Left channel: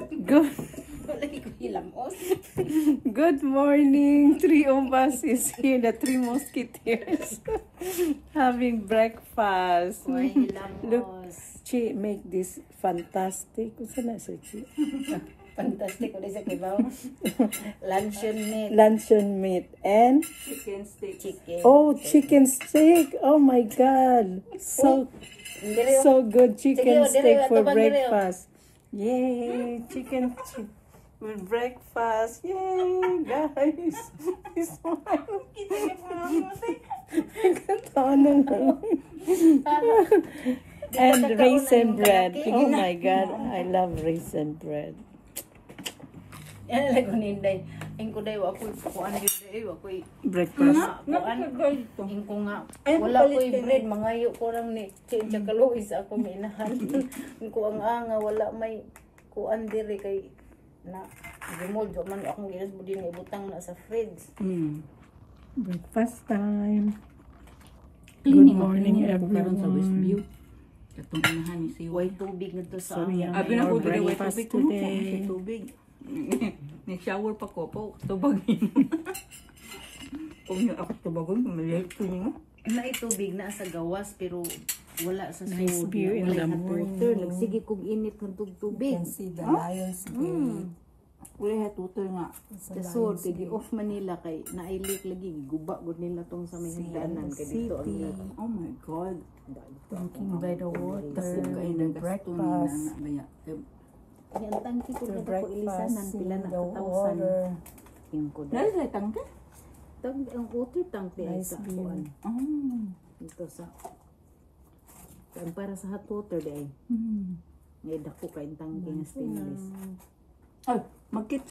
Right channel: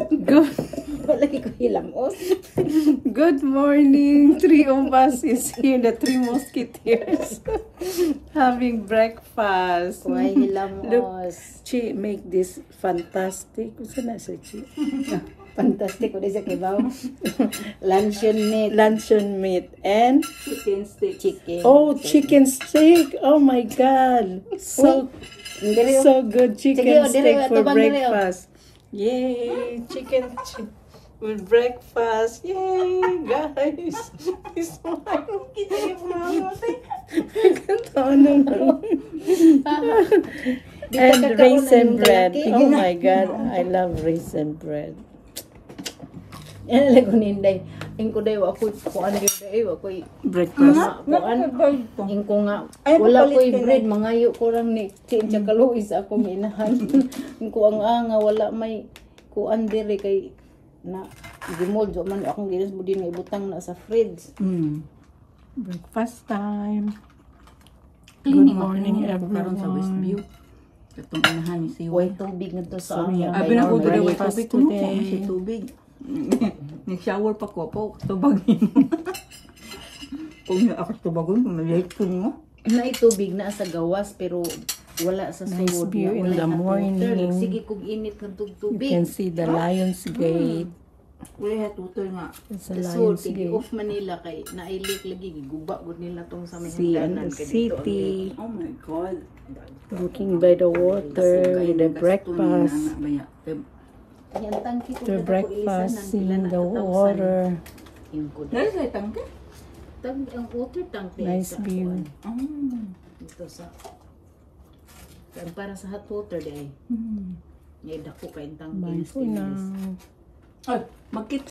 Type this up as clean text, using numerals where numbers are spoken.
Good, Lagi ko hilamos. good morning. Three of us is here, the three musketeers, having breakfast. Why hilamos? Look, Chi make this fantastic. Kung na sa Chi? Fantastic. What is it, kibaw? Luncheon meat. Luncheon meat and Chicken stick. Chicken. oh, chicken steak. Oh my God, so good chicken Sige, steak dire, for atubang dire. breakfast. Yay, chicken with breakfast. Yay, guys. This one. And raisin bread. Oh my God, I love raisin bread. Yan lang ko ninday. Yung ko dayo ako kuan gyud dayo ako Breakfast. kuan yung ko nga Ay, wala ko papalit ka bread mangayo ko lang ni chincha kaluis ako minahan. Yung ko ang nga wala may kuan dire kay na gimol jo man akong gilas budin nga ibutang na sa fridge. Breakfast time. Good morning, Karon sa everyone. Westview. Katong inahan ni si Way tubig nito sa Sorry, amo. ah. Abi na ko Breakfast dito tubig ko today. si tubig. Nag-shower pa ko po tubagin mo. Kung yung ako tubagon, maliliit ko niyo. Na tubig na sa gawas pero wala sa Nice sud. view in Wala the hot water. morning. Sige kog init ng You tubig. can see the Lions Gate. Wala tutoy nga. It's the Sa Lions sud kay Gate. off Manila kay nailik lagi giguba gud nila tong sa may See hagdanan the kay dito ang city. Oh my God. Looking by the water, the breakfast. Yan tangki ko The na breakfast, seeing the water. Yung ko Dali sa tangke? ang water tank din Nice sa view. kuwan. Dito sa kaya para sa hot water day. Ngay dako kay tangki. Bye for now. Ay, magkit